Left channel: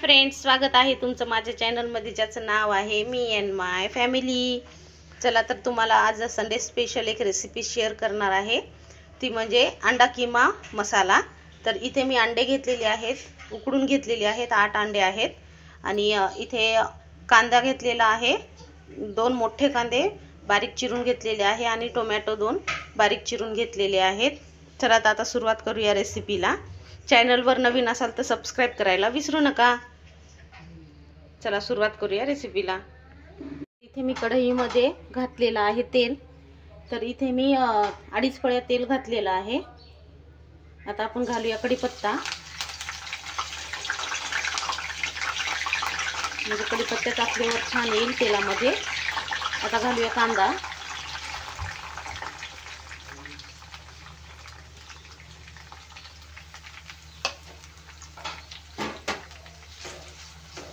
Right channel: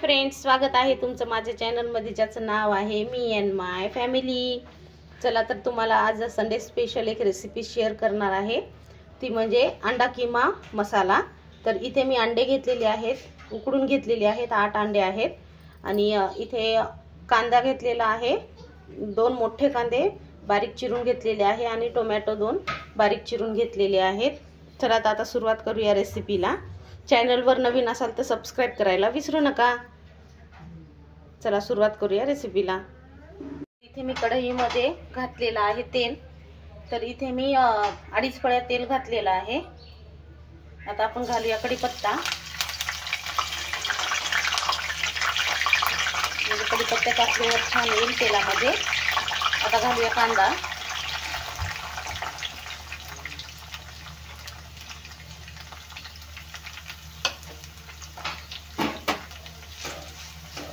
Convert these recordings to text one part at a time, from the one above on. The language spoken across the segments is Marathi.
फ्रेंड्स, स्वागत आहे तुमचं माझ्या चॅनलमध्ये ज्याचं नाव आहे मी अँड माय फॅमिली। चला तर तुम्हाला आज संडे स्पेशल एक रेसिपी शेअर करणार आहे, ती म्हणजे अंडा किमा मसाला। तर इथे मी अंडे घेतलेले आहेत, उकडून घेतलेले आहेत, 8 अंडे आहेत। आणि इथे कांदा घेतलेला आहे, 2 मोठे कांदे बारीक चिरून घेतलेले आहे आणि टोमॅटो 2 बारीक चिरून घेतलेले आहेत। चला आता सुरुवात करूया रेसिपीला। चॅनलवर नवीन असाल तर सबस्क्राइब करायला विसरू नका। चला सुरुवात करूया रेसिपीला। इथे मी कढईमध्ये घातलेला आहे तेल, तर इथे मी 2.5 पळ्या तेल घातलेला आहे। आता आपण घालूया कढीपत्ता, म्हणजे कढीपत्ता टाकल्यावर छान येईल तेलामध्ये। आता घालूया कांदा,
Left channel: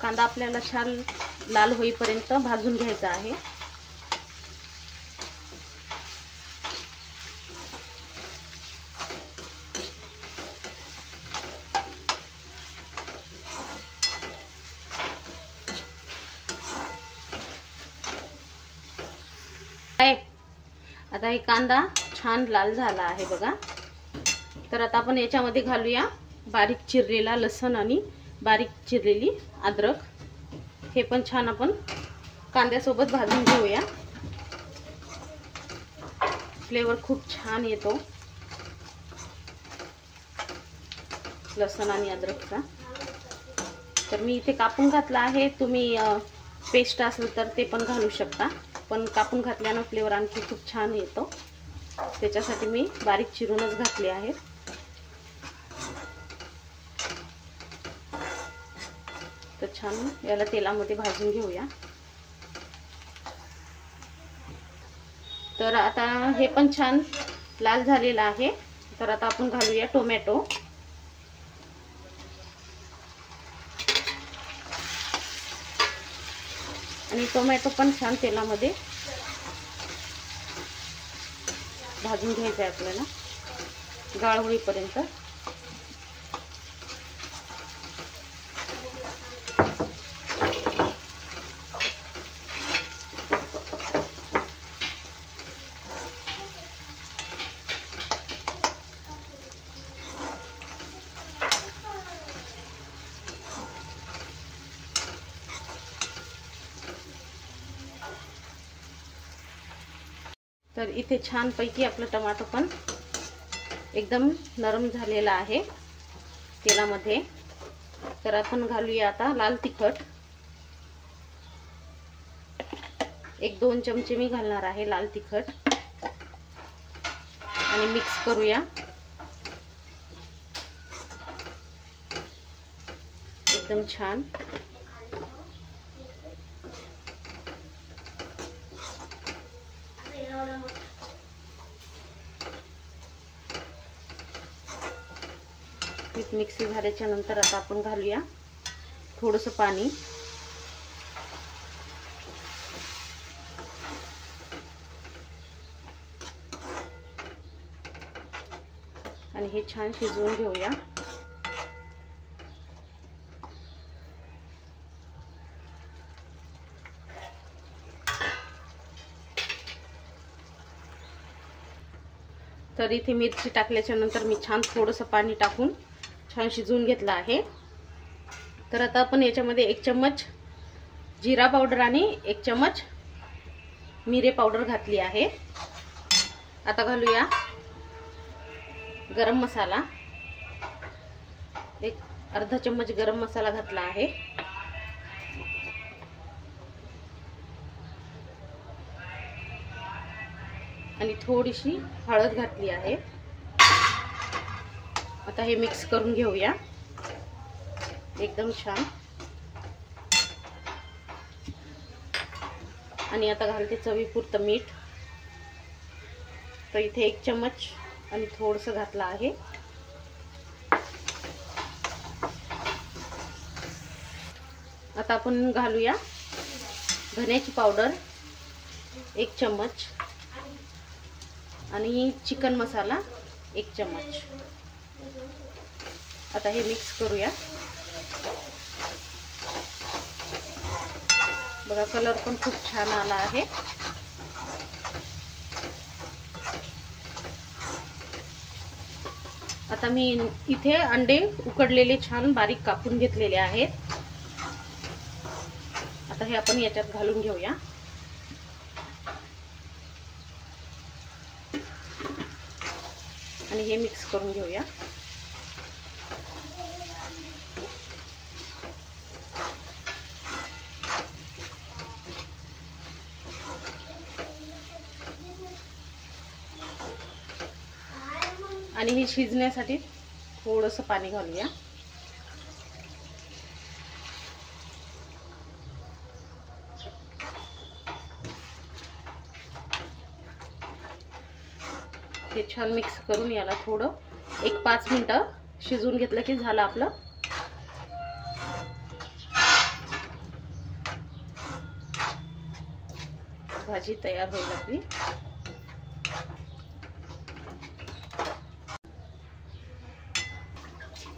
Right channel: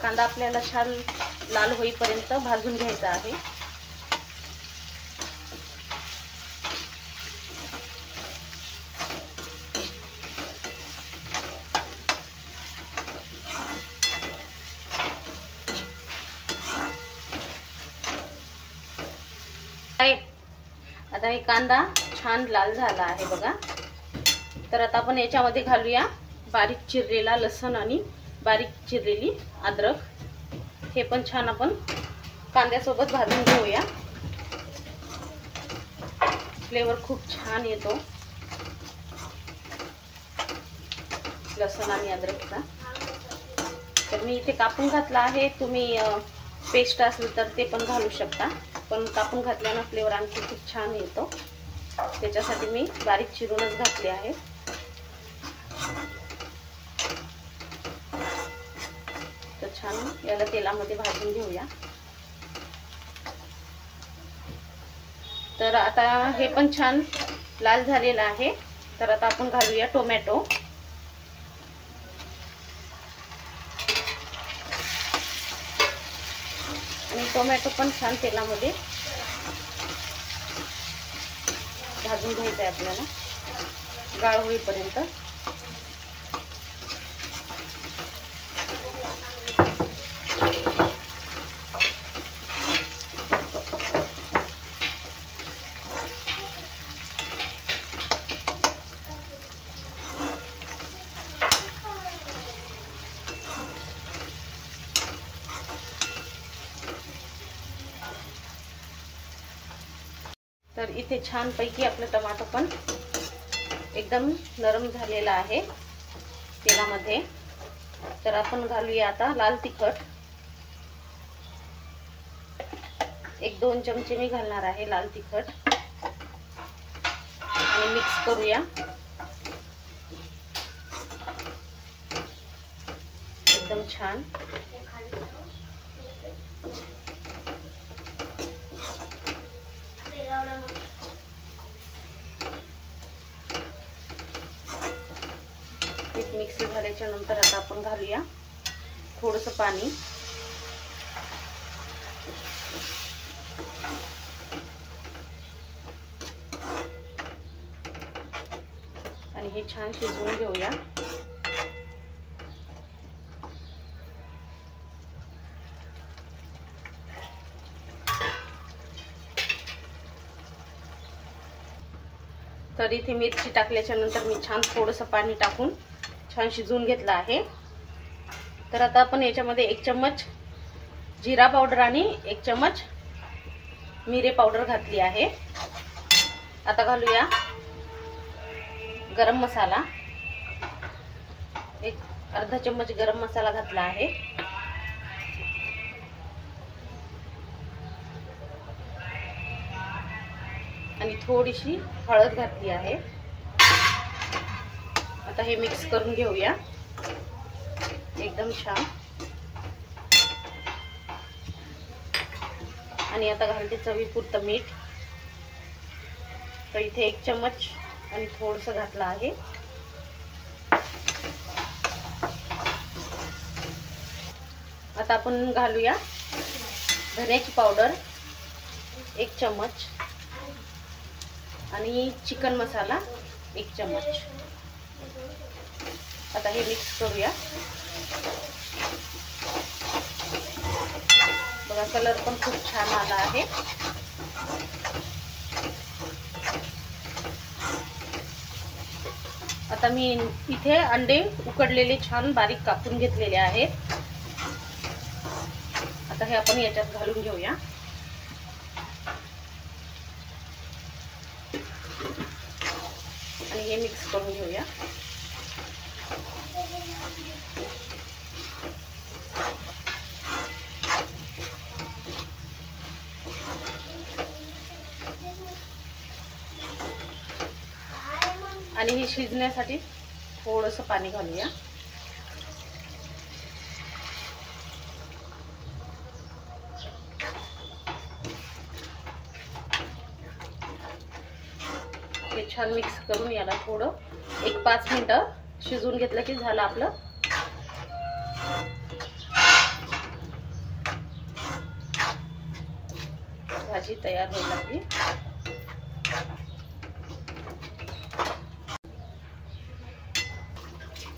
कांदा आपल्याला छान लाल होईपर्यंत भाजून घ्यायचा आहे। आता हे कांदा छान लाल झाला आहे बघा। तर आता आपण याच्यामध्ये घालूया बारीक चिरलेला लसूण आणि बारीक चिरलेली अद्रक। हे पण छान आपण कांद्यासोबत भाजून घेऊया, फ्लेवर खूप छान येतो लसूण आणि अद्रकचा। तर मी इथे कापून घातला आहे, तुम्ही पेस्ट असेल तर ते पण घालू शकता, पण कापून घातल्याने फ्लेवर आणखी खूप छान येतो, त्याच्यासाठी मी बारीक चिरूनच घातले आहे। तर छान याला तेलामध्ये भाजून घेऊया। तर आता हे पण छान लाल झालेलं आहे। तर आता आपण घालूया टोमॅटो, आणि टोमॅटो पण छान तेलामध्ये भाजून घ्यायचं आहे आपल्याला गाळ होईपर्यंत। तर इथे छान पैकी आपलं टमाटर पण एकदम नरम झालेला आहे तेलामध्ये। तर आपण घालूया आता लाल तिखट, 1-2 चमचे मी घालणार आहे लाल तिखट, आणि मिक्स करूया एकदम छान। पीठ मिक्स झाल्याच्या नंतर आता आपण घालूया थोडंसं पाणी, आणि हे छान शिजवून घेऊया। तर इथे मिरची टाकल्याच्या नंतर मी छान थोडंसं पाणी टाकून छान शिजवून घेतलं आहे। तर आता आपण याच्यामध्ये 1 चम्मच जिरा पावडर आणि 1 चम्मच मिरे पावडर घातली आहे। आता घालूया गरम मसाला, 1 अर्धा चम्मच गरम मसाला घातला आहे। आणि थोडीशी हळद घातली आहे। आता हे मिक्स करून घेऊया एकदम छान। आणि आता घालते चवीपुरतं मीठ, तर इथे 1 चम्मच आणि थोडंसं घातलं आहे। आता आपण घालूया धन्याची पावडर 1 चम्मच आणि चिकन मसाला 1 चम्मच। आता हे मिक्स करूया। बघा कलर पण खूप छान आला आहे। आता मी इथे अंडे उकडलेले छान बारीक कापून घेतलेले आहेत। आता हे आपण याच्यात घालून घेऊया आणि हे मिक्स करून घेऊया। आणि हे शिजण्यासाठी थोडंसं पाणी घालूया। हे छान मिक्स करून याला थोडं 1-5 मिनिटं शिजवून घेतलं की झालं आपलं भाजी तयार होईल आपली।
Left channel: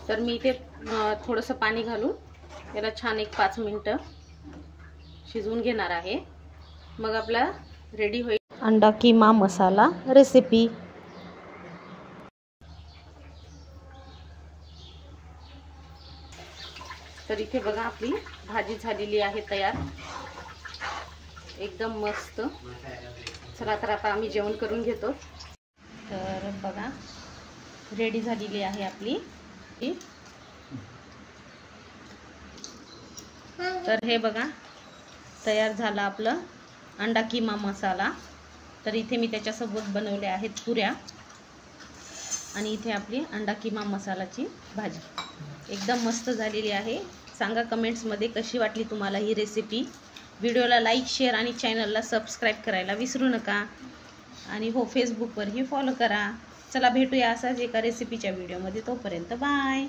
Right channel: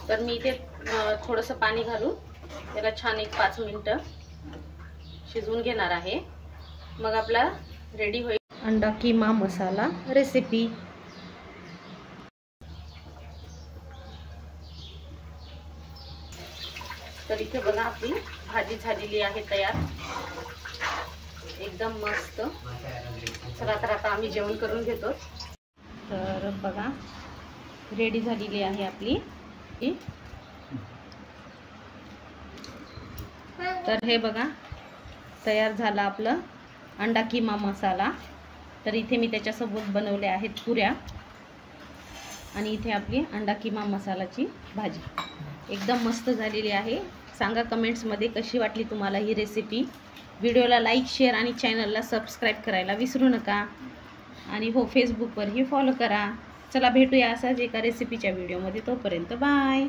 तर मी इथे थोडंसं पाणी घालून याला छान 1-5 मिनिटं शिजवून घेणार आहे। मग आपला रेडी होईल अंडा कीमा मसाला रेसिपी। तर इथे बघा आपली भाजी झालेली आहे तयार, एकदम मस्त। चला तर आता आम्ही जेवण करून घेतो। तर बघा रेडी झालेली आहे आपली। तर हे बघा तयार झाला आपलं अंडा कीमा मसाला। तर इथे मी त्याच्यासोबत बनवले आहेत पुऱ्या आणि इथे आपली अंडा कीमा मसालाची भाजी एकदम मस्त झालेली आहे। सांगा कमेंट्समध्ये कशी वाटली तुम्हाला ही रेसिपी। व्हिडिओला लाईक, शेअर आणि चॅनलला सबस्क्राईब करायला विसरू नका आणि हो फेसबुकवरही फॉलो करा। चला भेटूया असाच एका रेसिपीच्या व्हिडिओमध्ये, तोपर्यंत बाय।